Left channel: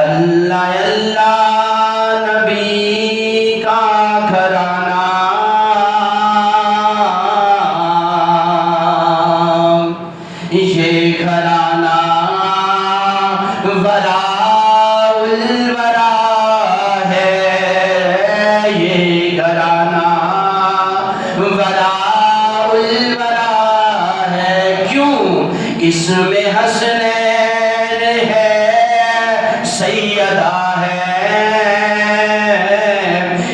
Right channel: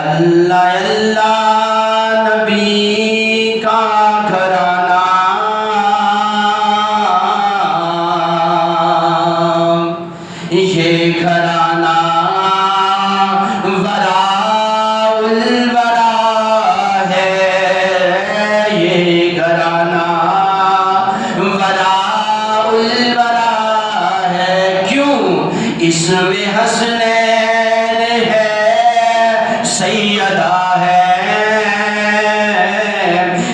اللہ اللہ نبی کا گھرانہ، یہ گھرانہ وراء الورا ہے، یہ گھرانہ وراء الورا ہے۔ کیوں؟ اس میں حسنین ہے، سیدہ ہے،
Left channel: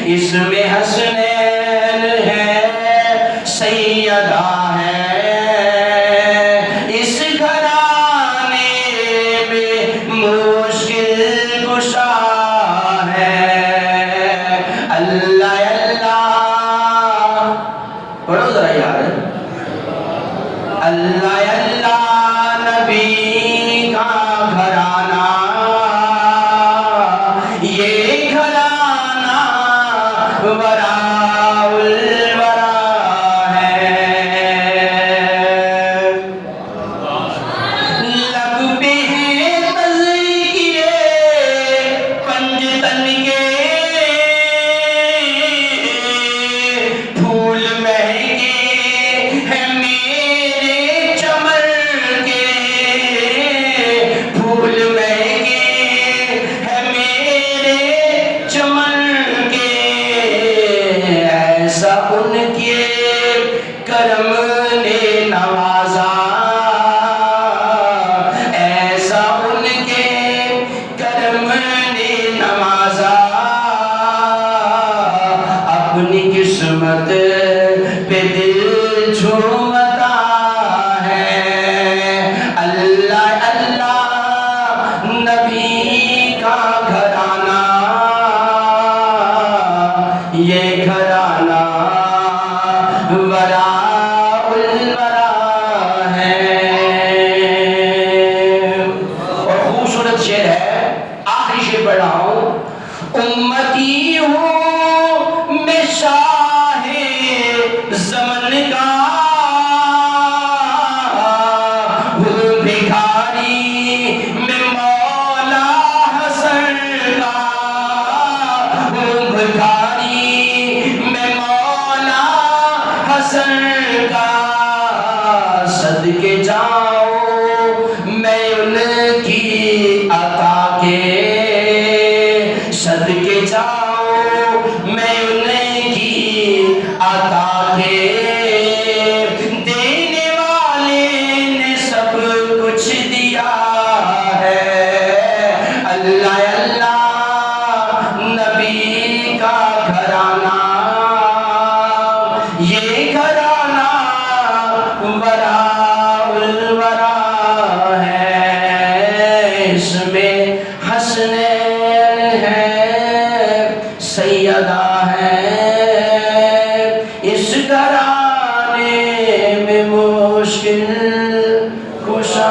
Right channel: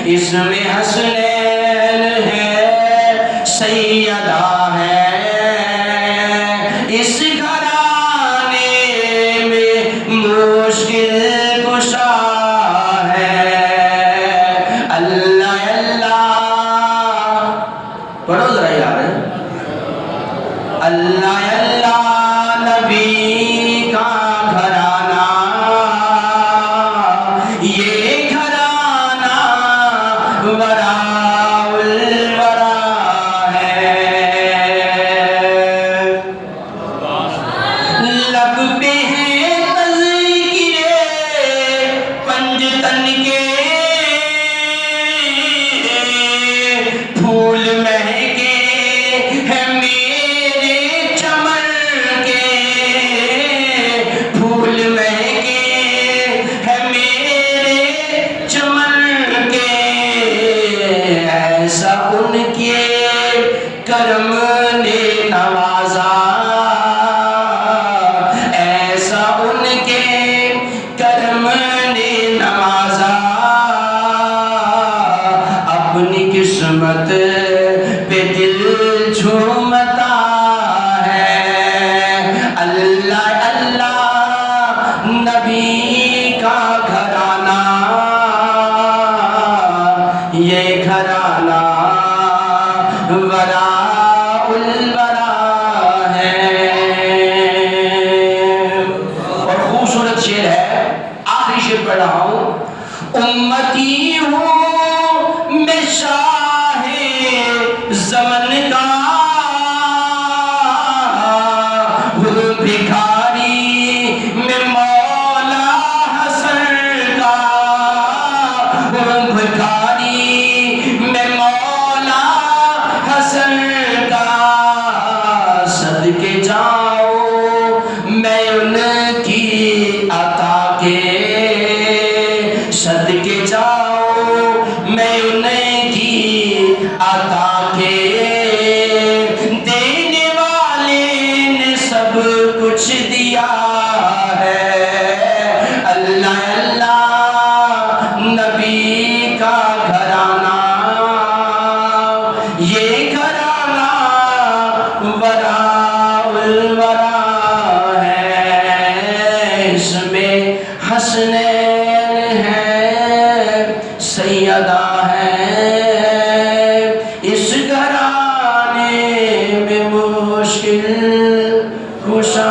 اس میں حسنین ہے، سیدہ ہے، اس گھرانے میں مشکل کشا ہے۔ اللہ اللہ پڑھو ذرا یار، اللہ اللہ نبی کا گھرانہ، یہ گھرانہ وراء الورا ہے۔ لب پہ ہیں تذکرے پنجتن کے، پھول مہکے ہیں میرے چمن کے، پھول مہکے ہیں میرے چمن کے، ایسا ان کے کرم نے نوازا، ایسا ان کے کرم نے نوازا، اپنی قسمت پہ دل جھومتا ہے۔ اللہ اللہ نبی کا گھرانہ، یہ گھرانہ وراء الورا ہے۔ اور خوبصورت شعر ہے، آخری شعر پڑھ رہا ہوں۔ امتی ہوں میں شاہ زمن کا، ہوں بھکاری میں مولا حسن کا، ہوں بھکاری میں مولا حسن کا، صدقے جاؤں میں ان کی عطا کے، صدقے جاؤں میں ان کی عطا کے، دینے والے نے سب کچھ دیا ہے۔ اللہ اللہ نبی کا گھرانہ، یہ گھرانہ وراء الورا ہے، اس میں حسنین ہے، سیدہ ہے، اس گھرانے میں مشکل کشا